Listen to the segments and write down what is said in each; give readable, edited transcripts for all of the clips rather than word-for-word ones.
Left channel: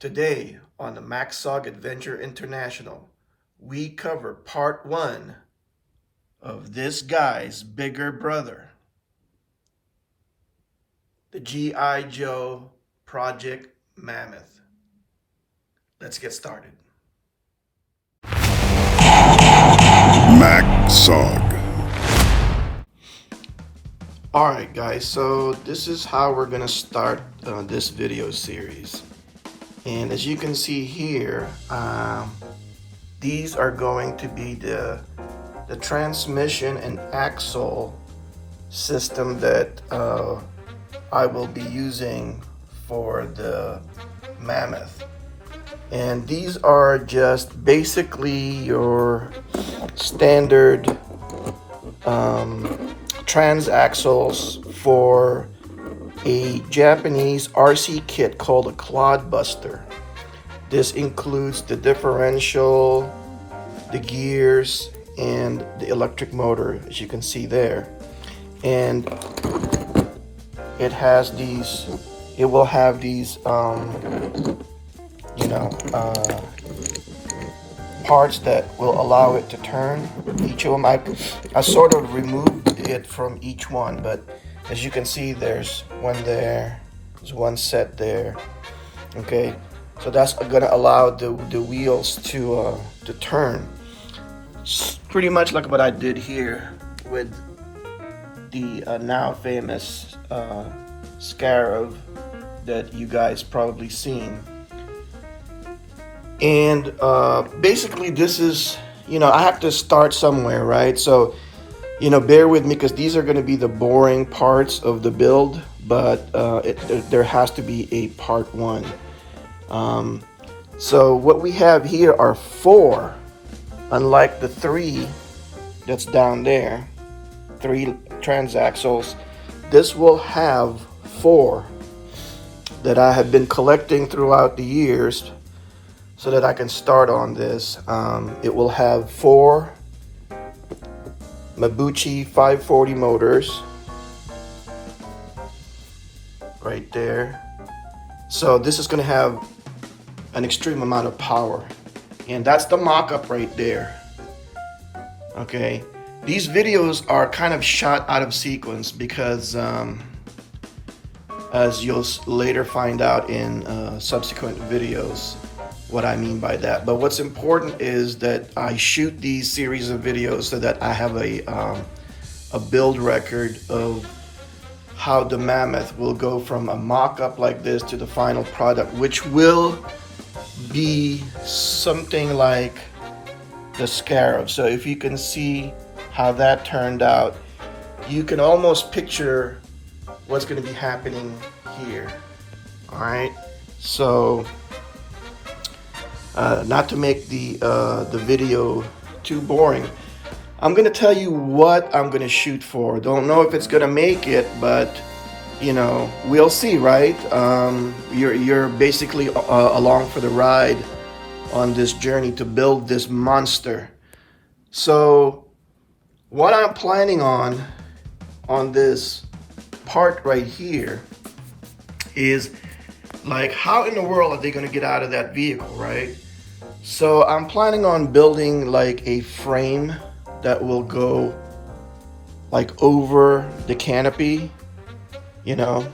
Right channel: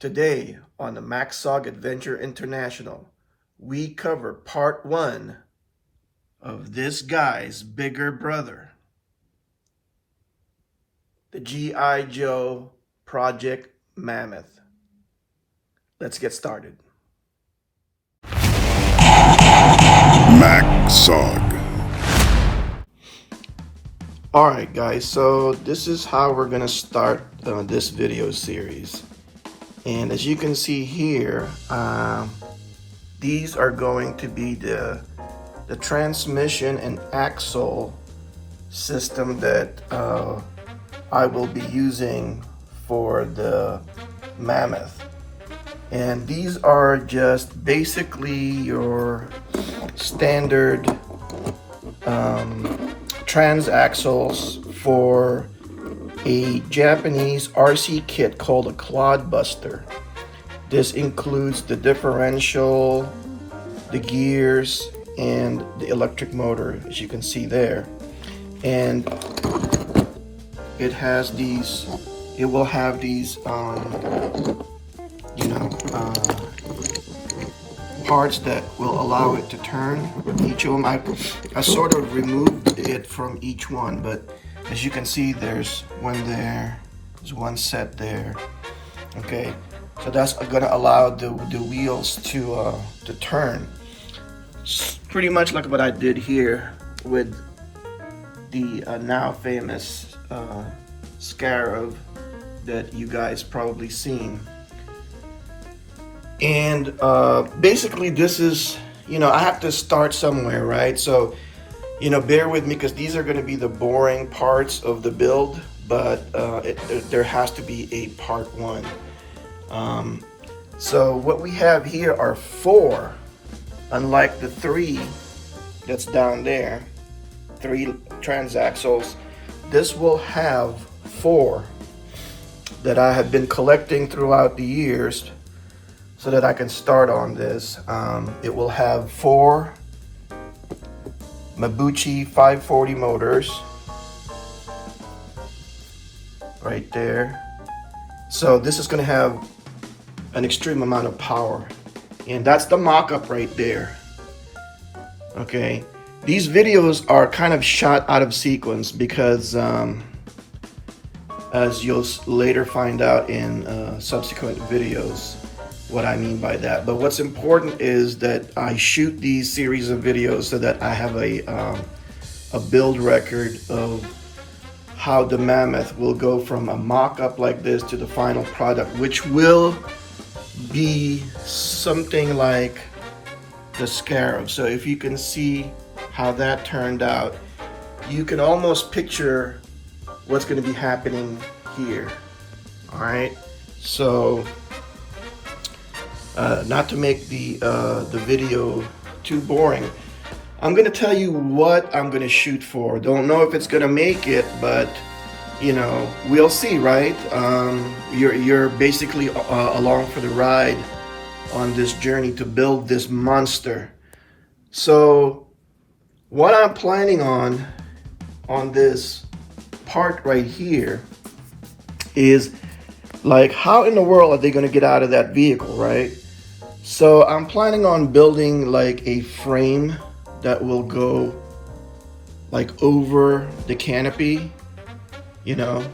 Today on the MacSog Adventure International, we cover part 1 of this guy's bigger brother, the G.I. Joe Project Mammoth. Let's get started. MacSog. Alright guys, so this is how we're going to start this video series. And as you can see here, these are going to be the transmission and axle system that I will be using for the Mammoth. And these are just basically your standard transaxles for a Japanese RC kit called a Clodbuster. This includes the differential, the gears, and the electric motor, as you can see there. And it has these, it will have these, parts that will allow it to turn. Each of them, I sort of removed it from each one, but as you can see, there's one there, there's one set there. Okay, so that's going to allow the wheels to turn. It's pretty much like what I did here with the now famous Scarab that you guys probably seen. And basically this is, I have to start somewhere, right? So, bear with me because these are going to be the boring parts of the build, but there has to be a part 1. So what we have here are 4, unlike the 3 that's down there, 3 transaxles. This will have 4 that I have been collecting throughout the years so that I can start on this. It will have 4 Mabuchi 540 motors right there. So this is going to have an extreme amount of power, and that's the mock-up right there. Okay, these videos are kind of shot out of sequence because as you'll later find out in subsequent videos what I mean by that. But what's important is that I shoot these series of videos so that I have a build record of how the Mammoth will go from a mock-up like this to the final product, which will be something like the Scarab. So if you can see how that turned out, you can almost picture what's going to be happening here. All right, so not to make the video too boring, I'm going to tell you what I'm going to shoot for. Don't know if it's going to make it, but we'll see, right? You're basically along for the ride on this journey to build this monster. So what I'm planning on this part right here is, like, how in the world are they going to get out of that vehicle, right? So I'm planning on building like a frame that will go like over the canopy. It's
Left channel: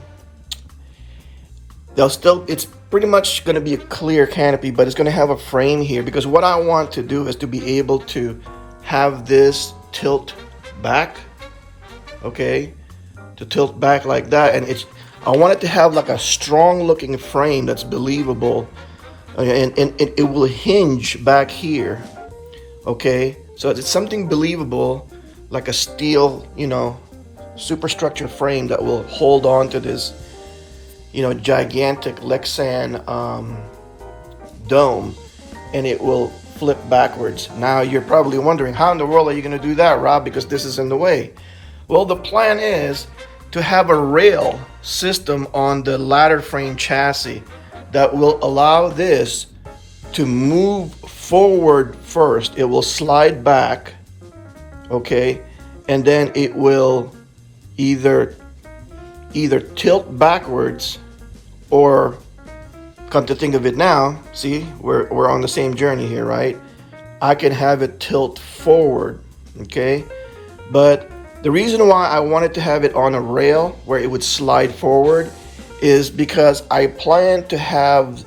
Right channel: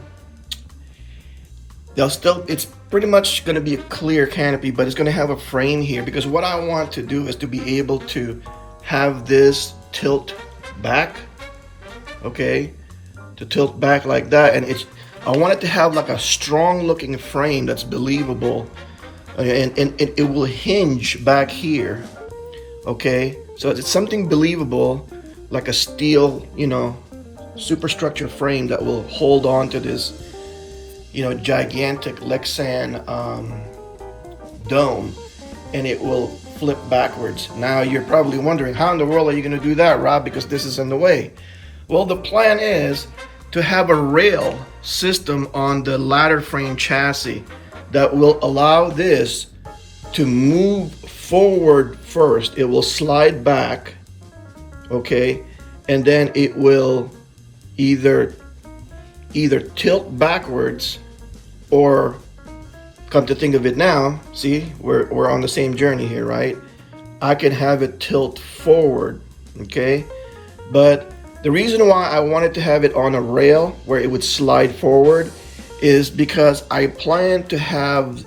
pretty much going to be a clear canopy, but it's going to have a frame here, because what I want to do is to be able to have this tilt back, okay, to tilt back like that. And I want it to have like a strong looking frame that's believable, and it will hinge back here, okay? So it's something believable, like a steel, superstructure frame that will hold on to this, gigantic Lexan dome, and it will flip backwards. Now you're probably wondering, how in the world are you going to do that, Rob? Because this is in the way. Well, the plan is to have a rail system on the ladder frame chassis that will allow this to move forward first. It will slide back, okay, and then it will either tilt backwards or come to think of it now, see, we're on the same journey here, right? I can have it tilt forward, okay? But the reason why I wanted to have it on a rail where it would slide forward is because I plan to have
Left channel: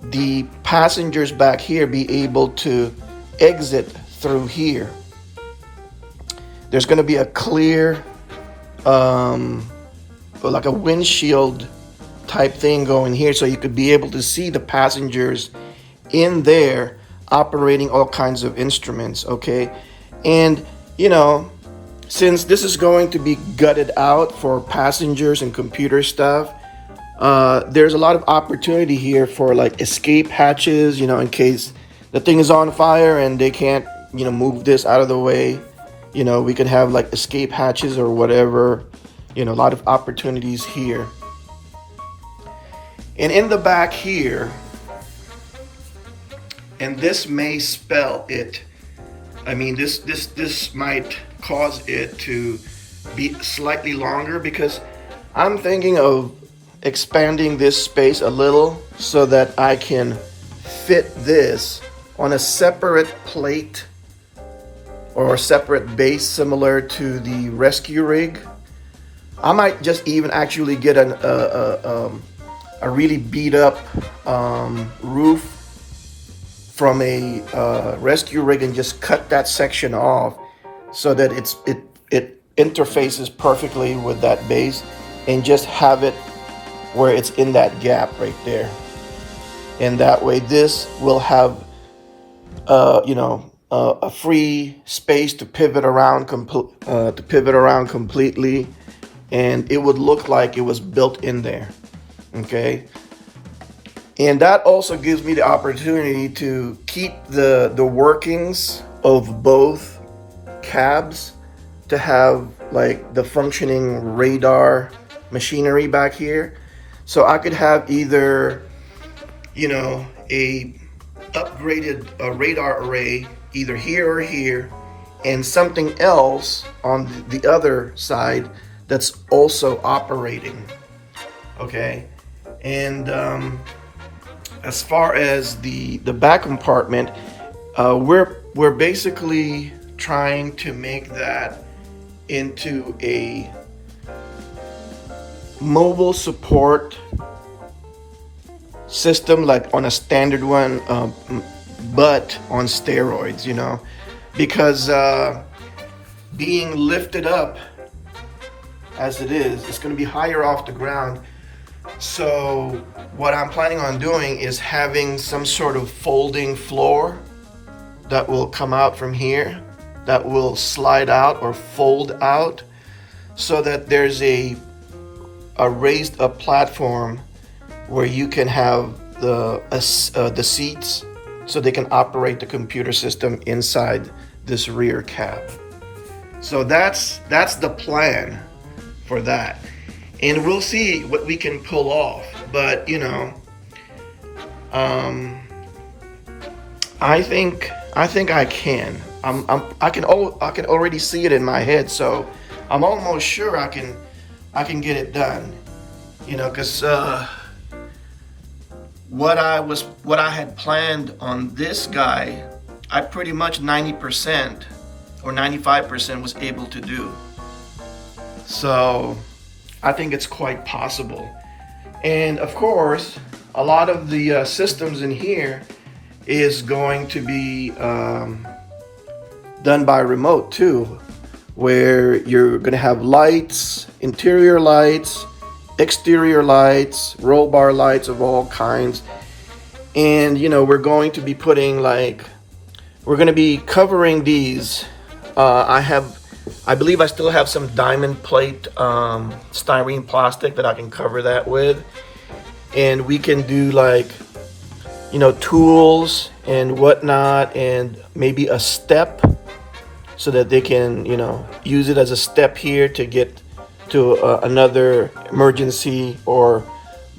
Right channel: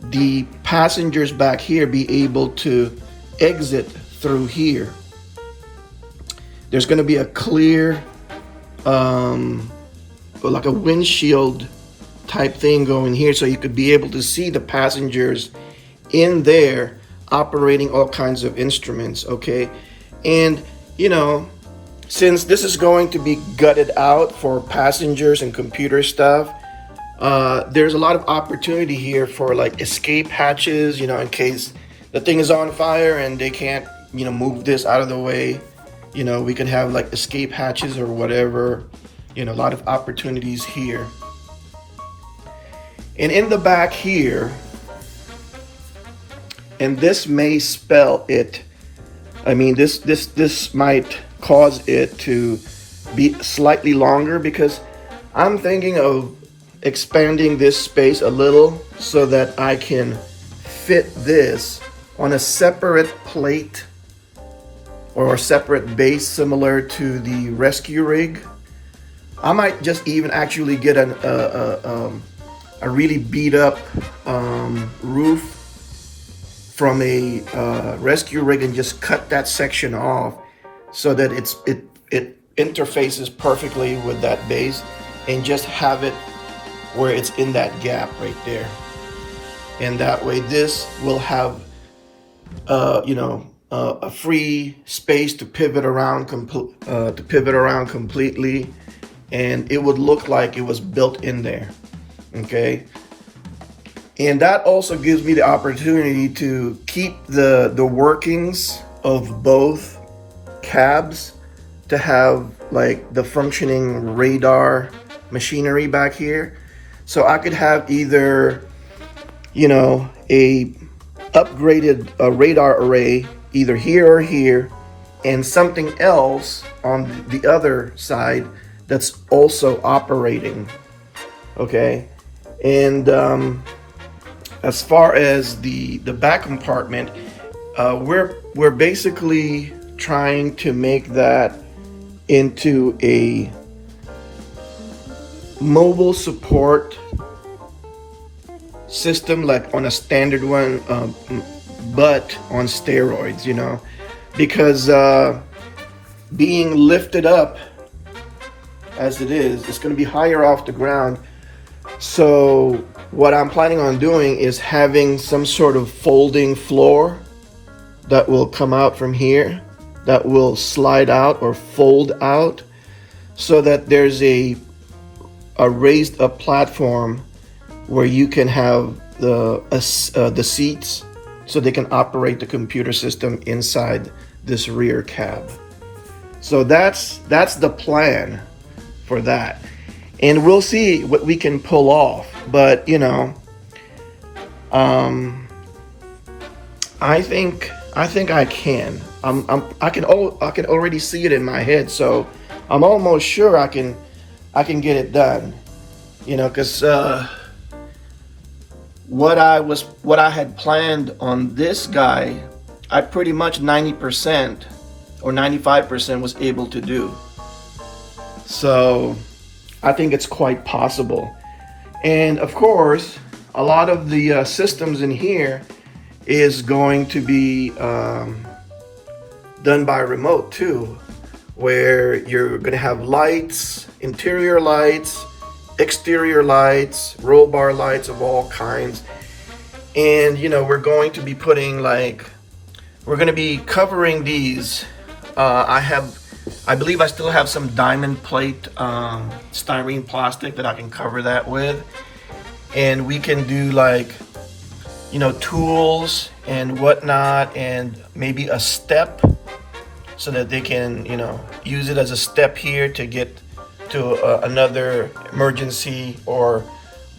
the passengers back here be able to exit through here. There's going to be a clear, like a windshield type thing going here, so you could be able to see the passengers in there operating all kinds of instruments, okay? And, you know, since this is going to be gutted out for passengers and computer stuff, there's a lot of opportunity here for like escape hatches, you know, in case the thing is on fire and they can't, you know, move this out of the way. You know, we can have like escape hatches or whatever, you know, a lot of opportunities here. And in the back here, and this may spell it, I mean, this might cause it to be slightly longer, because I'm thinking of expanding this space a little so that I can fit this on a separate plate or a separate base similar to the rescue rig. I might just even actually get a really beat up roof from a rescue rig and just cut that section off so that it interfaces perfectly with that base, and just have it where it's in that gap right there. And that way this will have you know, a free space to pivot around completely, and it would look like it was built in there, okay? And that also gives me the opportunity to keep the workings of both cabs, to have like the functioning radar machinery back here. So I could have either, you know, a upgraded radar array either here or here, and something else on the other side that's also operating, okay? And as far as the back compartment, we're basically trying to make that into a mobile support system, like on a standard one, but on steroids, you know, because being lifted up as it is, it's going to be higher off the ground. So what I'm planning on doing is having some sort of folding floor that will come out from here, that will slide out or fold out, so that there's a raised up platform where you can have the seats, so they can operate the computer system inside this rear cab. So that's the plan for that, and we'll see what we can pull off. But you know, I think I can. I can already see it in my head, so I'm almost sure I can get it done. You know, because what I had planned on this guy, I pretty much 90% or 95% was able to do. So I think it's quite possible. And of course, a lot of the systems in here is going to be done by remote too, where you're going to have lights, interior lights, exterior lights, roll bar lights of all kinds. And you know, we're going to be putting we're going to be covering these. I believe I still have some diamond plate styrene plastic that I can cover that with, and we can do you know, tools and whatnot, and maybe a step so that they can, you know, use it as a step here to get to another emergency or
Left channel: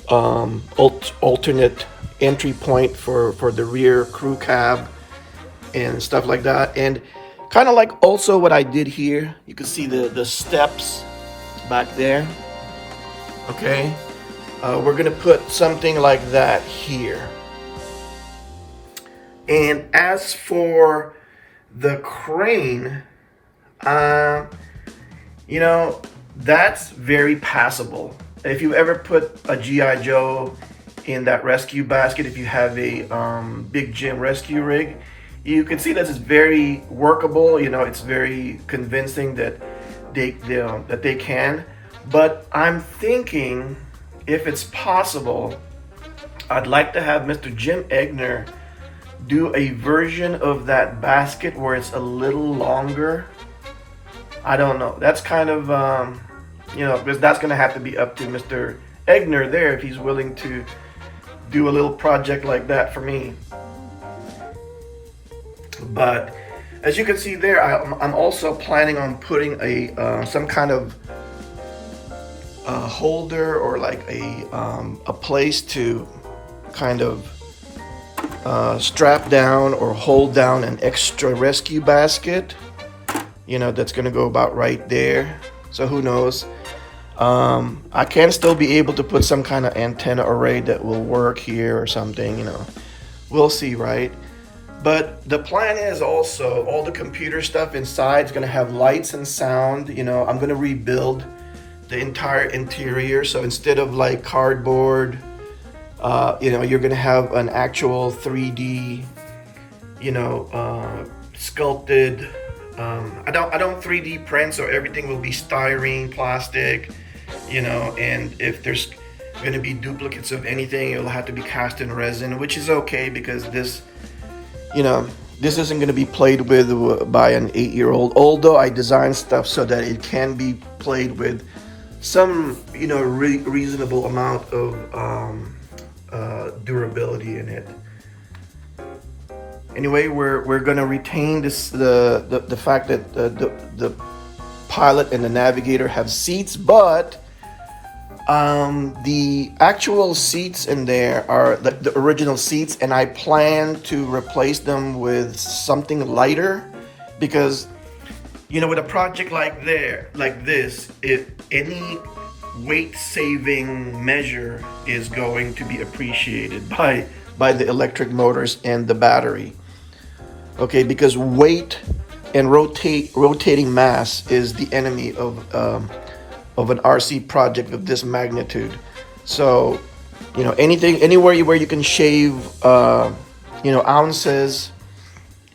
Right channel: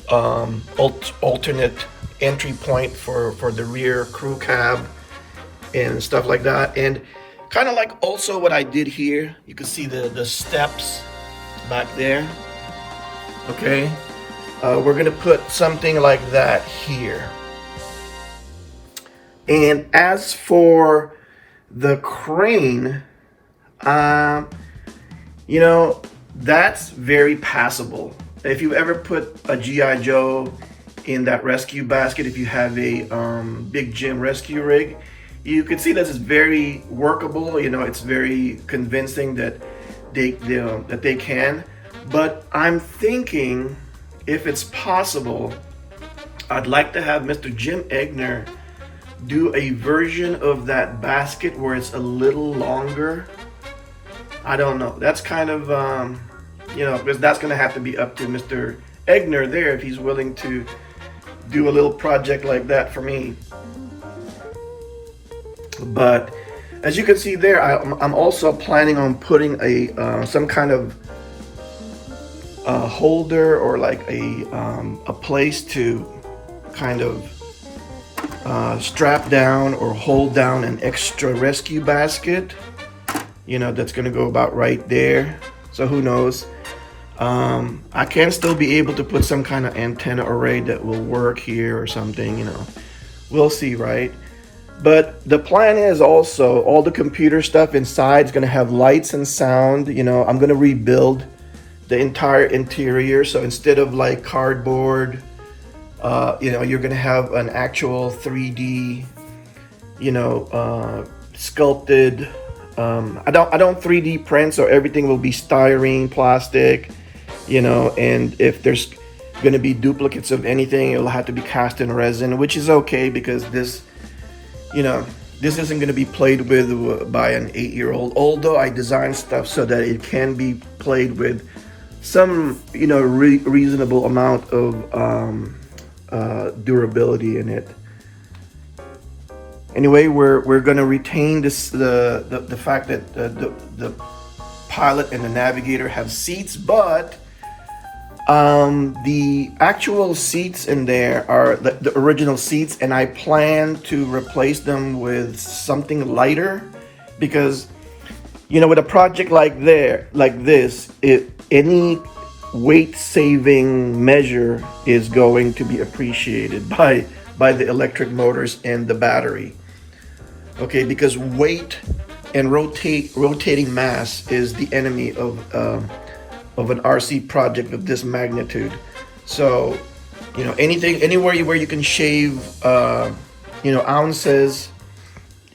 alternate entry point for the rear crew cab and stuff like that. And kind of like also what I did here, you can see the steps back there, okay? we're gonna put something like that here. And as for the crane, um, you know, that's very passable. If you ever put a GI Joe in that rescue basket, if you have a big gym rescue rig, you can see that it's very workable. You know, it's very convincing that they can. But I'm thinking, if it's possible, I'd like to have Mr. Jim Egner do a version of that basket where it's a little longer. I don't know. That's kind of, you know, because that's going to have to be up to Mr. Egner there if he's willing to do a little project like that for me. But as you can see there, I'm also planning on putting a some kind of holder or like a place to kind of strap down or hold down an extra rescue basket. You know, that's gonna go about right there. So who knows? I can still be able to put some kind of antenna array that will work here or something, you know. We'll see, right? But the plan is also all the computer stuff inside is gonna have lights and sound. You know, I'm gonna rebuild the entire interior. So instead of like cardboard, you know, you're gonna have an actual 3D, you know, sculpted. I don't 3D print, so everything will be styrene, plastic, you know. And if there's gonna be duplicates of anything, it'll have to be cast in resin, which is okay because this, you know, this isn't gonna be played with by an 8-year-old. Although I designed stuff so that it can be played with some, you know, reasonable amount of durability in it. Anyway, we're gonna retain this the fact that the pilot and the navigator have seats, but the actual seats in there are the original seats, and I plan to replace them with something lighter because, you know, with a project like this, any weight saving measure is going to be appreciated by the electric motors and the battery. Okay, because weight and rotating mass is the enemy of an RC project of this magnitude. So, you know, anywhere where you can shave, you know, ounces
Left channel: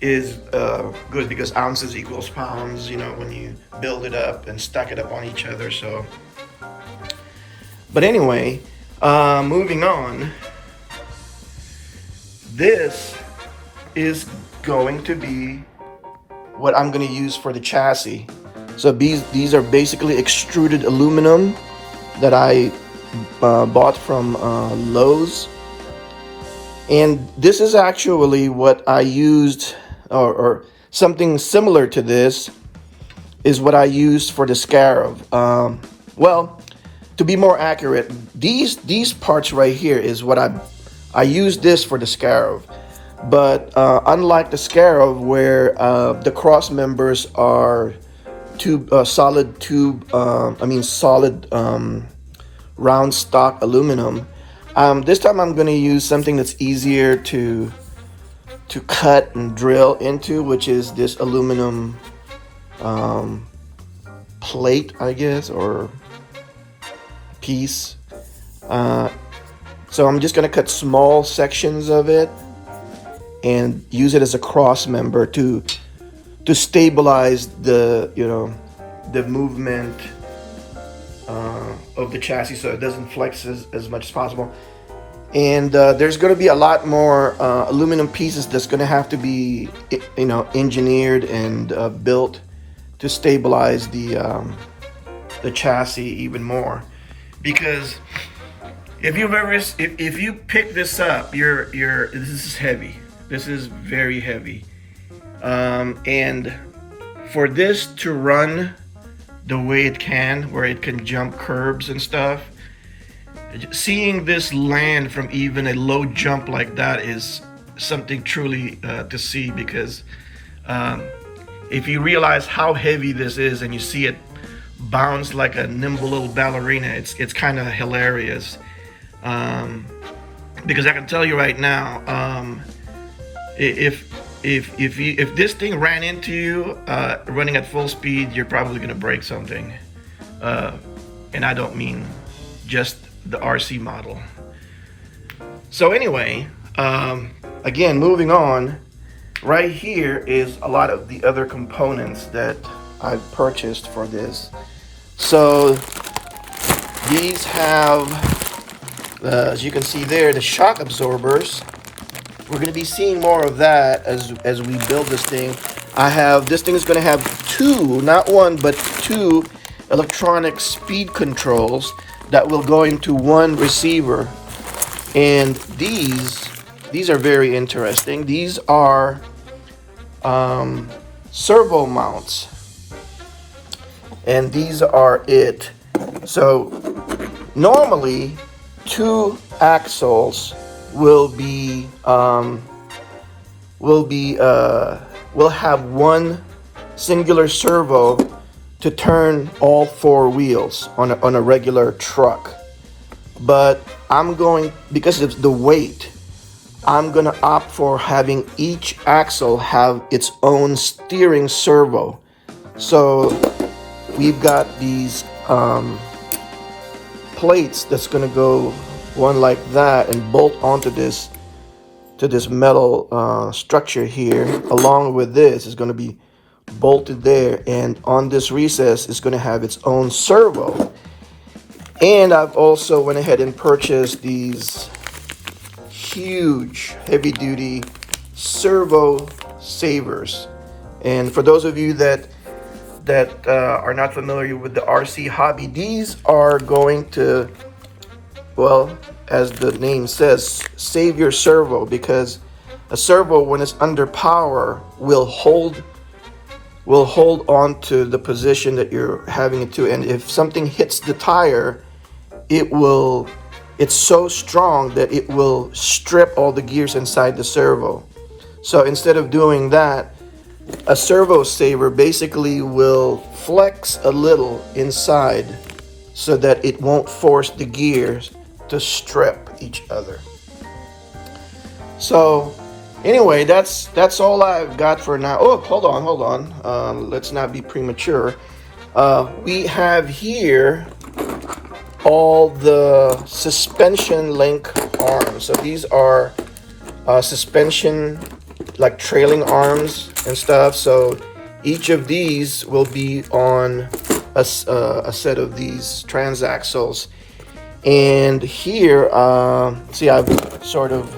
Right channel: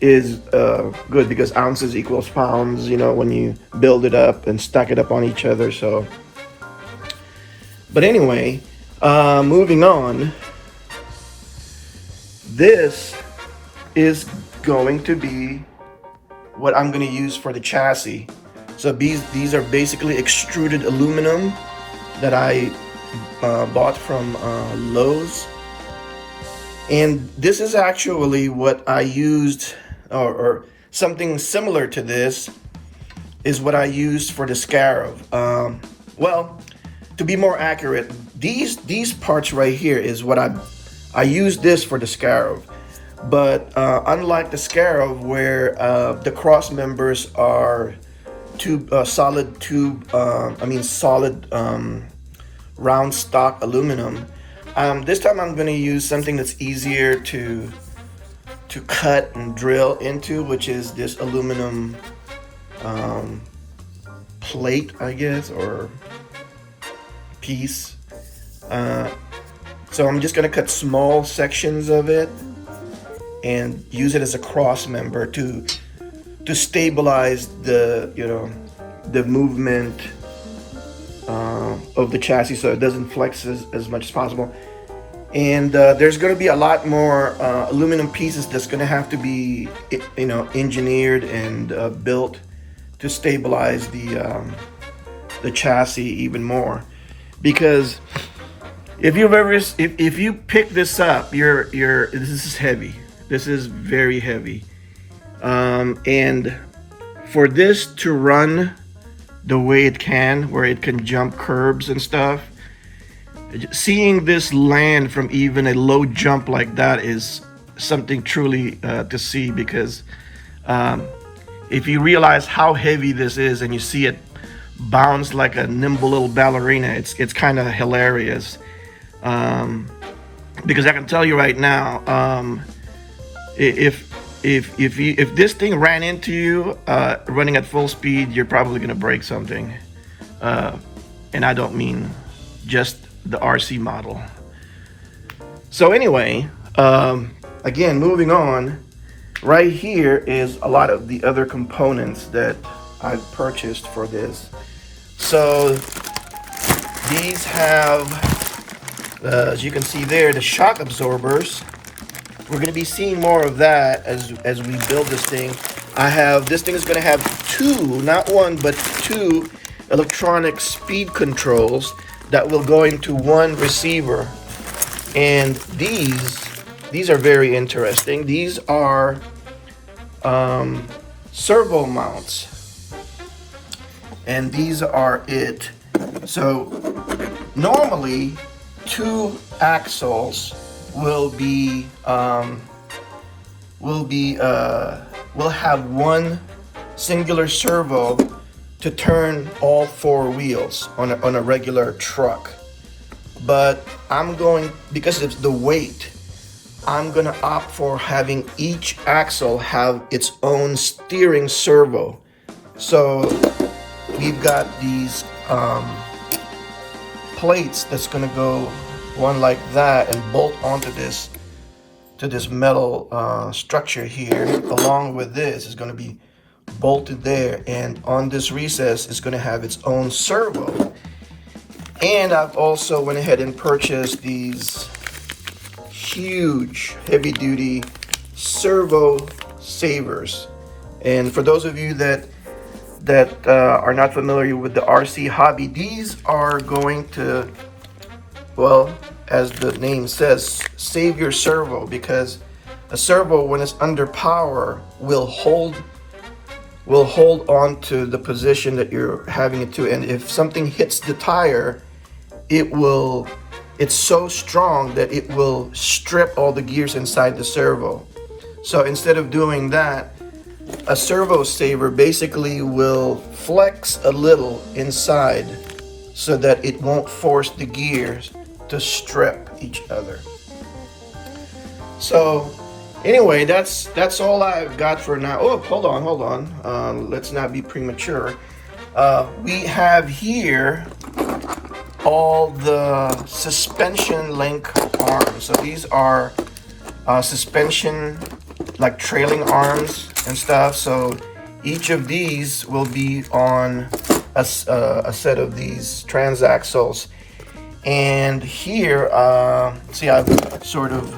is good, because ounces equals pounds, you know, when you build it up and stack it up on each other. So, but anyway, moving on, this is going to be what I'm going to use for the chassis. So these are basically extruded aluminum that I bought from Lowe's, and this is actually what I used, or something similar to this is what I used for the Scarab. Well, to be more accurate, these parts right here is what I used this for the Scarab. But unlike the Scarab, where the cross members are solid round stock aluminum, this time I'm going to use something that's easier to cut and drill into, which is this aluminum plate, I guess, or piece. So I'm just going to cut small sections of it and use it as a cross member to stabilize the, you know, the movement of the chassis, so it doesn't flex as much as possible. And there's going to be a lot more aluminum pieces that's going to have to be, you know, engineered and built to stabilize the chassis even more. Because if you pick this up, this is heavy. This is very heavy. And for this to run the way it can, where it can jump curbs and stuff, seeing this land from even a low jump like that is something truly to see. Because if you realize how heavy this is and you see it bounce like a nimble little ballerina, it's kind of hilarious. Because I can tell you right now, if if this thing ran into you running at full speed, you're probably gonna break something. And I don't mean just the RC model. So anyway, again, moving on. Right here is a lot of the other components that I've purchased for this. So these have, as you can see there, the shock absorbers. We're going to be seeing more of that as we build this thing. This thing is going to have two, not one, but two electronic speed controls that will go into one receiver. And these are very interesting. These are servo mounts, and these are it. So normally two axles will have one singular servo to turn all four wheels on a regular truck. But because it's the weight, I'm gonna opt for having each axle have its own steering servo. So we've got these plates that's gonna go one like that and bolt onto this metal structure here. Along with this is gonna be bolted there, and on this recess is gonna have its own servo. And I've also went ahead and purchased these huge heavy-duty servo savers. And for those of you that are not familiar with the RC hobby, these are going to, well, as the name says, save your servo, because a servo, when it's under power, will hold on to the position that you're having it to. And if something hits the tire, it's so strong that it will strip all the gears inside the servo. So instead of doing that, a servo saver basically will flex a little inside so that it won't force the gears to strip each other. So anyway, that's all I've got for now. Oh, hold on. Let's not be premature. We have here all the suspension link arms. So these are suspension, like trailing arms and stuff. So each of these will be on a set of these transaxles. And here, see, I've sort of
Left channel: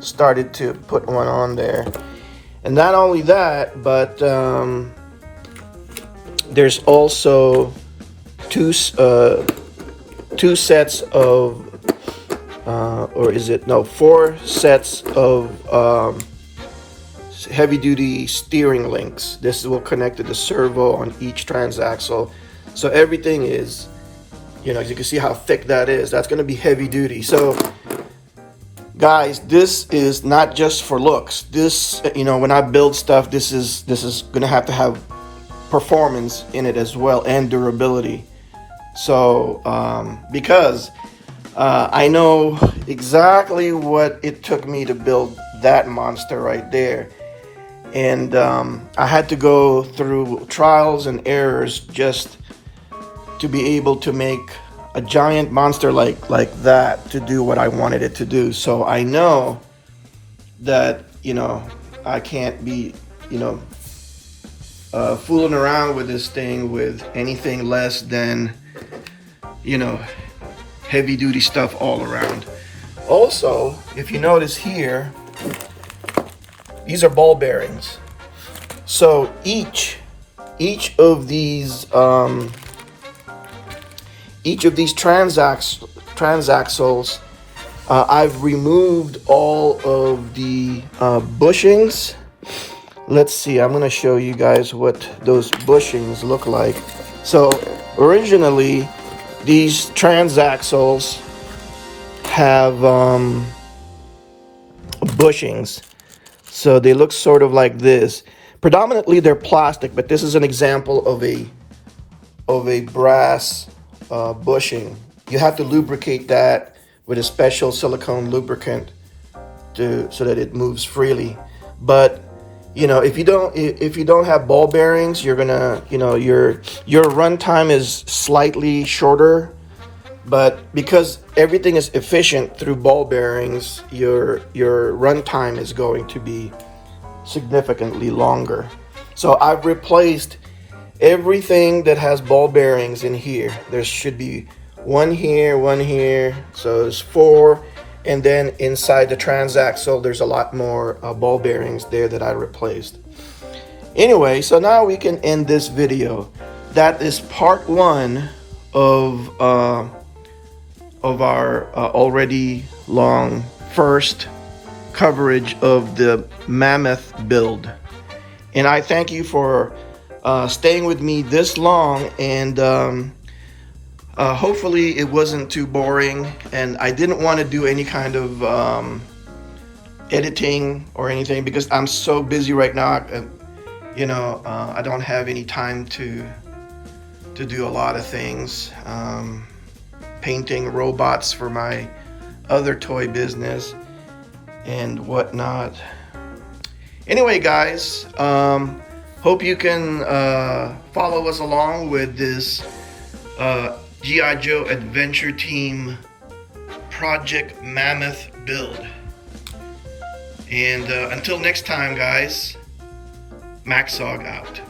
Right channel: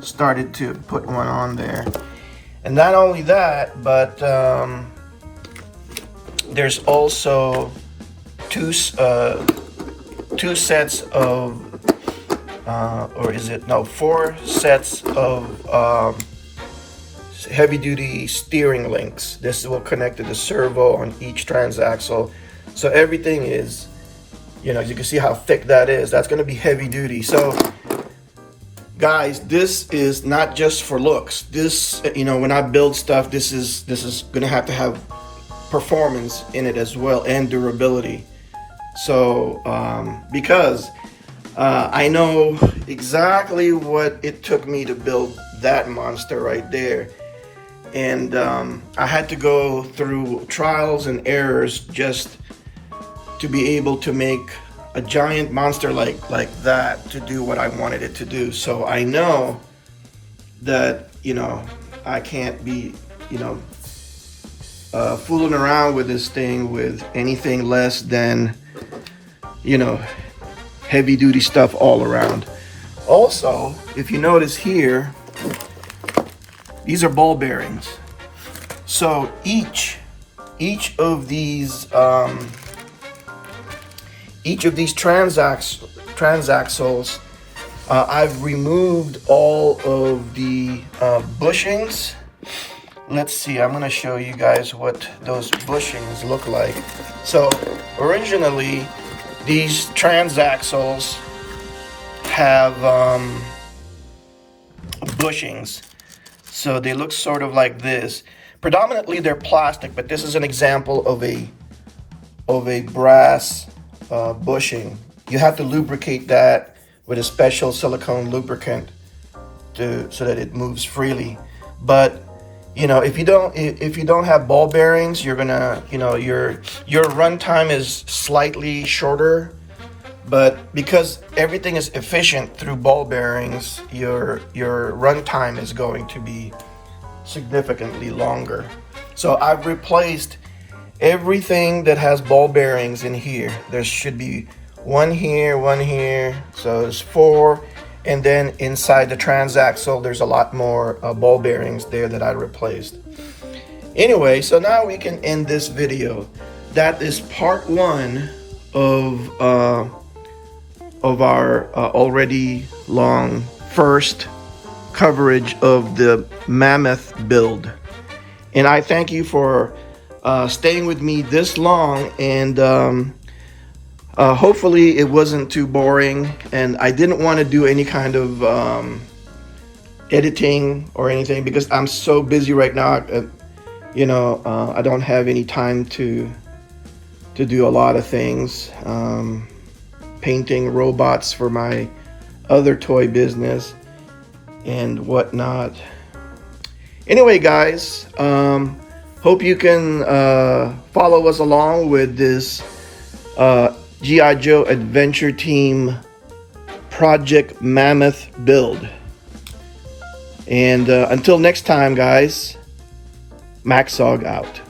started to put one on there. And not only that, but there's also two sets of, four sets of heavy-duty steering links. This will connect to the servo on each transaxle. So everything is, you can see how thick that is. That's going to be heavy-duty. So guys, this is not just for looks. This, when I build stuff, this is going to have performance in it as well, and durability. So because I know exactly what it took me to build that monster right there, and I had to go through trials and errors just to be able to make a giant monster like that to do what I wanted it to do. So I know that I can't be fooling around with this thing with anything less than heavy duty stuff all around. Also, if you notice here, these are ball bearings. So each of these transaxles, I've removed all of the bushings. Let's see, I'm going to show you guys what those bushings look like. So originally, these transaxles have bushings. So they look sort of like this. Predominantly they're plastic, but this is an example of a brass bushing. You have to lubricate that with a special silicone lubricant so that it moves freely. But you know, if you don't have ball bearings, you're gonna, you know, your run time is slightly shorter. But because everything is efficient through ball bearings, your run time is going to be significantly longer. So I've replaced everything that has ball bearings in here. There should be one here, so there's 4. And then inside the transaxle, there's a lot more ball bearings there that I replaced. Anyway, so now we can end this video. That is part 1 of our already long first coverage of the Mammoth build. And I thank you for staying with me this long, and hopefully it wasn't too boring, and I didn't want to do any kind of editing or anything because I'm so busy right now. You know, I don't have any time to do a lot of things. Painting robots for my other toy business and whatnot. Anyway, guys, hope you can follow us along with this G.I. Joe Adventure Team Project Mammoth build. And until next time, guys, Maxog out.